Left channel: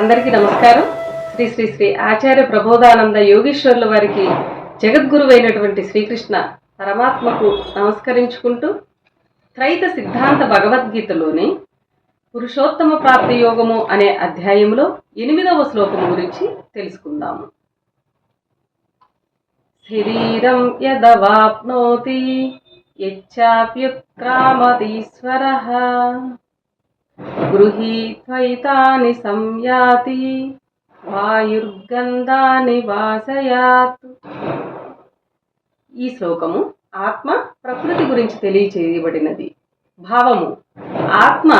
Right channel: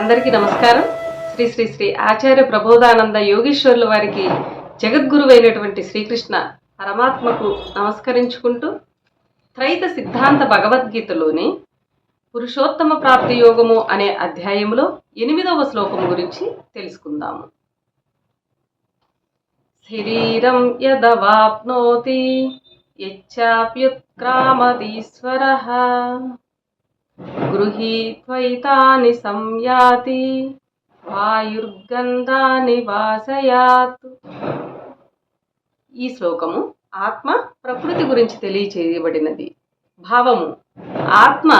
అందరికీ నమస్కారం. శ్రీ శ్రీ శ్రీ ఆచార్య ప్రబోధానంద యోగీశ్వరుల వారికి జగద్గురువైనటువంటి శ్రీకృష్ణ పరమాత్మకు నమస్కరించుకుంటూ త్రైత సిద్ధాంత భగవద్గీతలోని పురుషోత్తమ ప్రాప్తి యోగము అనే అధ్యాయంలో 8వ శ్లోకం గురించి తెలుసుకుందాము. శరీరం యదవాప్నోతి యచ్చాప్యుత్క్రామతీశ్వరః గృహీత్వైతాని సంయాతి వాయుర్గంధాని వాసయాత్. ఈ శ్లోకము ఆత్మ ప్రకృతి గురించి తెలియచేయబడినది. భావము: ఆత్మ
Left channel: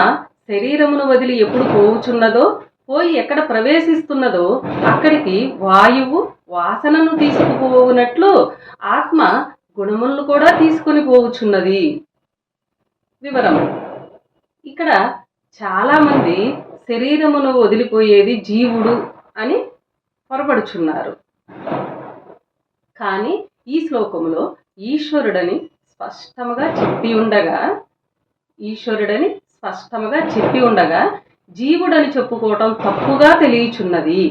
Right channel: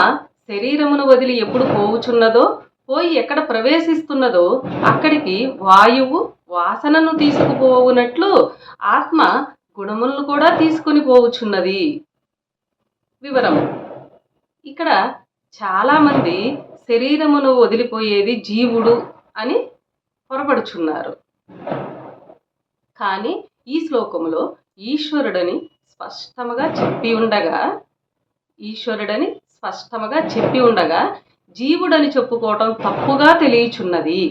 శరీరమును వదిలి ఎప్పుడు పోవుచున్నదో, పోయి ఎక్కడ ప్రవేశిస్తున్నదో అక్కడికి వాయువు వాసనను తీసుకుపోవునట్లు ఆత్మ గుణములను కూడా తీసుకొని పోవుచున్నది. వివరము: ఇక్కడ చాలామంది శరీరమును వదిలిపోయేది జీవుడు అని పొరపడుచున్నారు. కానీ ఈ శ్లోకములో ఈశ్వరుడని స్పష్టముగా చెప్పి ఉండగా జీవుడని చెప్పుకోవటం తప్పుగా తెలియచున్నది.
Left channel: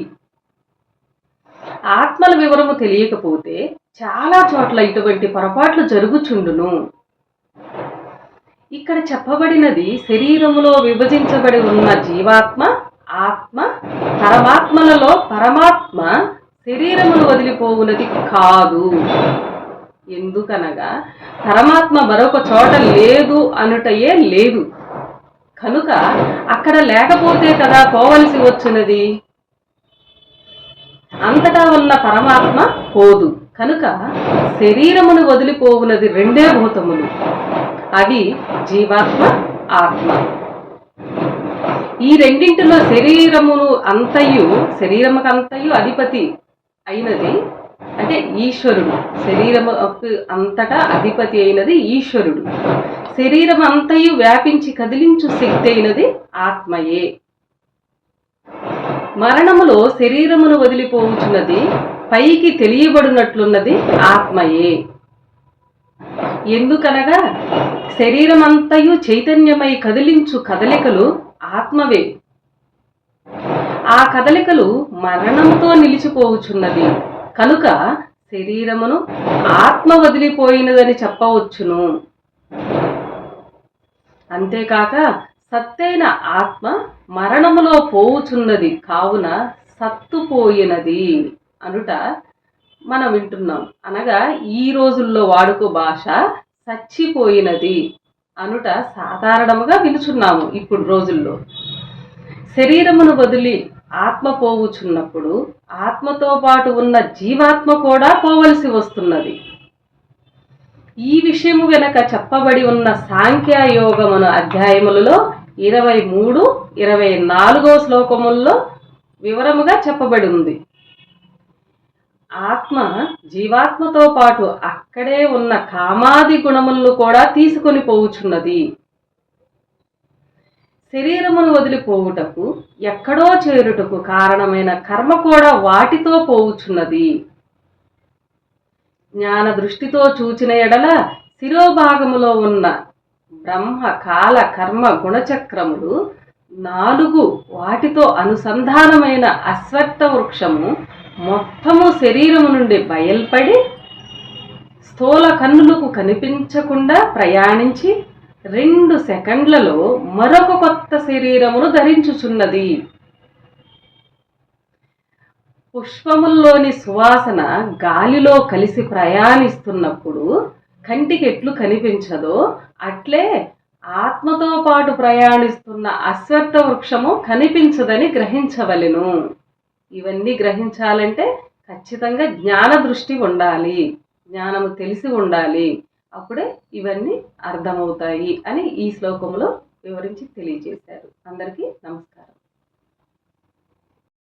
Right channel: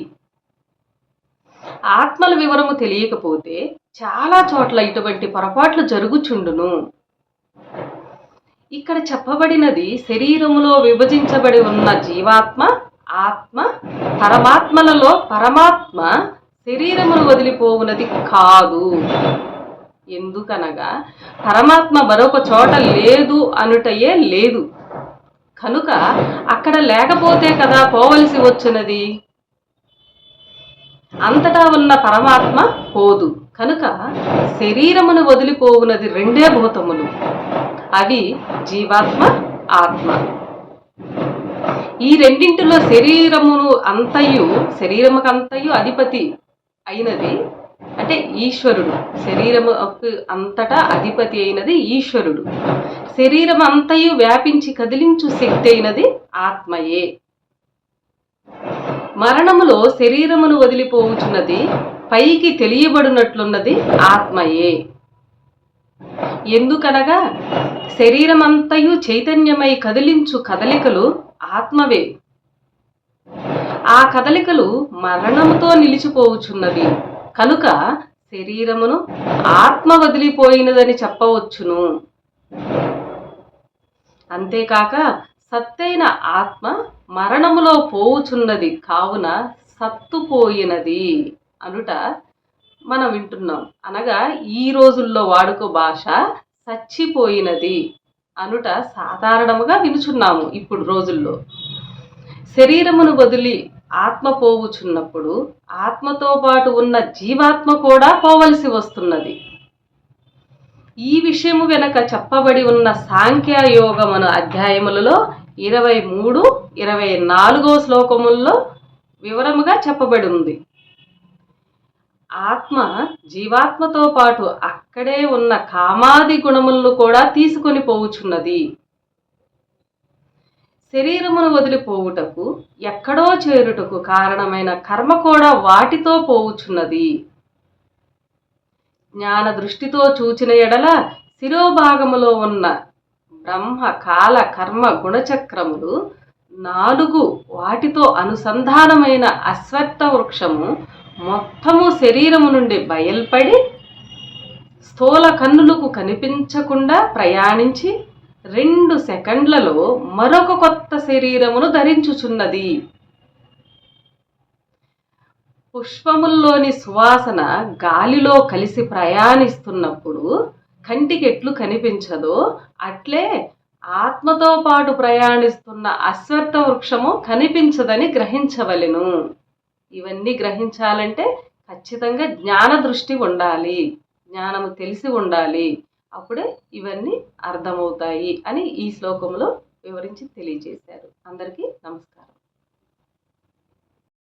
ఆత్మల వివరము తెలియకపోతే చాలా చోట్ల ఇటువంటి పొరపాట్లు జరుగుచుండును. ఇక్కడ చెప్పబడినది శరీరములో విభజించబడి ఉన్న జీవాత్మ, ఆత్మ, పరమాత్మలలో పరమాత్మ శరీరమును వదిలిపోవునది కాదు. ఎందుకనగా పరమాత్మ మరొక చోట లేదు అనుటయే లేదు కనుక అక్కడ లేకపోతే కదా పోవలసి వచ్చినది. అంతటా ఉన్న పరమాత్మ పోదు కనుక శరీరమును వదిలిపోవునది రెండే భూతములు, అవి జీవాత్మ, ఆత్మ. ఈ రెండింటిలో శరీరముకంతయు అధిపతి అయినది అంటే ఈశ్వరుడు. శరీరముకు అంతటా అధిపతి అయినది ఈశ్వరుడు. శరీరం అంతయు వ్యాపించి కదిలించు శక్తి అయినది ఆత్మయే. మరణములో శరీరమును వదిలిపోవుచున్నది పైకి తెలియబడినట్లున్నది ఆత్మయే. ఎందుకనగా శరీరమంతయు చైతన్యమై కదిలించు కదలికలు ఆత్మవే. ఆ కదలికలు మరణముతో నిలిచిపోవుచున్నవి కనుక శరీరమును ఆత్మ వదిలిపోయినదని చెప్పవచ్చును. అంతేకాక సత్తైన ఆత్మ మరణములో పోవుచున్నది కావున సత్తుపోయినది అనుట మనం వింటున్నాం. అనగా ఈ రోజుల్లో వాడుక భాష చచ్చిపోయినది అనుట సాధారణముగా వినుచున్నాము. ఇప్పుడు రోజుల్లో శరీరమును వదిలి ఆత్మ పోవుచున్నప్పుడు ఆత్మతో పాటు ఉన్న జీవాత్మ కూడా పోవలసి వస్తున్నది. ఈ విషయము వెనక చెప్పబడి ఉన్న సాంఖ్యయోగమున అధ్యాయములలో 23, 24 శ్లోకముల్లో వివరముగా చెప్పబడి ఉంది. ఆత్మ జీవాత్మతో పాటు అక్కడే ఉన్న కామాది గుణములను కూడా తీసుకొని పోవుచున్నది. శరీరమును వదిలిపోవుటకు ఎక్కడో చేరుటకు కారణమైన కర్మ కూడా వాటితో పోవుచున్నది. జ్ఞాన దృష్టితో చూచిన ఎడల శిరోభాగములో ఉన్న బ్రహ్మ, కాల, కర్మ, గుణచక్రములు 4 వాటితో అనుసంధానమైన అశ్వత్థ వృక్షము మొత్తము శరీరము నుండి బయల్పడి స్థూల కన్నులకు కనిపించకుండా ప్రయాణించి 2 సెకండ్లలో మరొక కొత్త శరీరమును ధరించుచున్నది. పుష్పముల్లోని సువాసన గాలిలో కలిసి ప్రయాణిస్తున్నప్పుడు కంటికి ఎట్లు కనిపించదో అట్లే ఆత్మతో పాటు ప్రయాణిస్తున్న అశ్వత్థ వృక్షము కనిపించదని గ్రహించవలెను. ఇవన్నీ గ్రహించాలంటే ఖచ్చితంగా జ్ఞాన దృష్టి ఉండాలి, జ్ఞానము తెలిసి ఉండాలి. అప్పుడే ఇవన్నీ అర్థమవుతాయి అని ఈ శ్లోకంలో వివరించి తెలియజేశారు. అందరికీ నమస్కారం.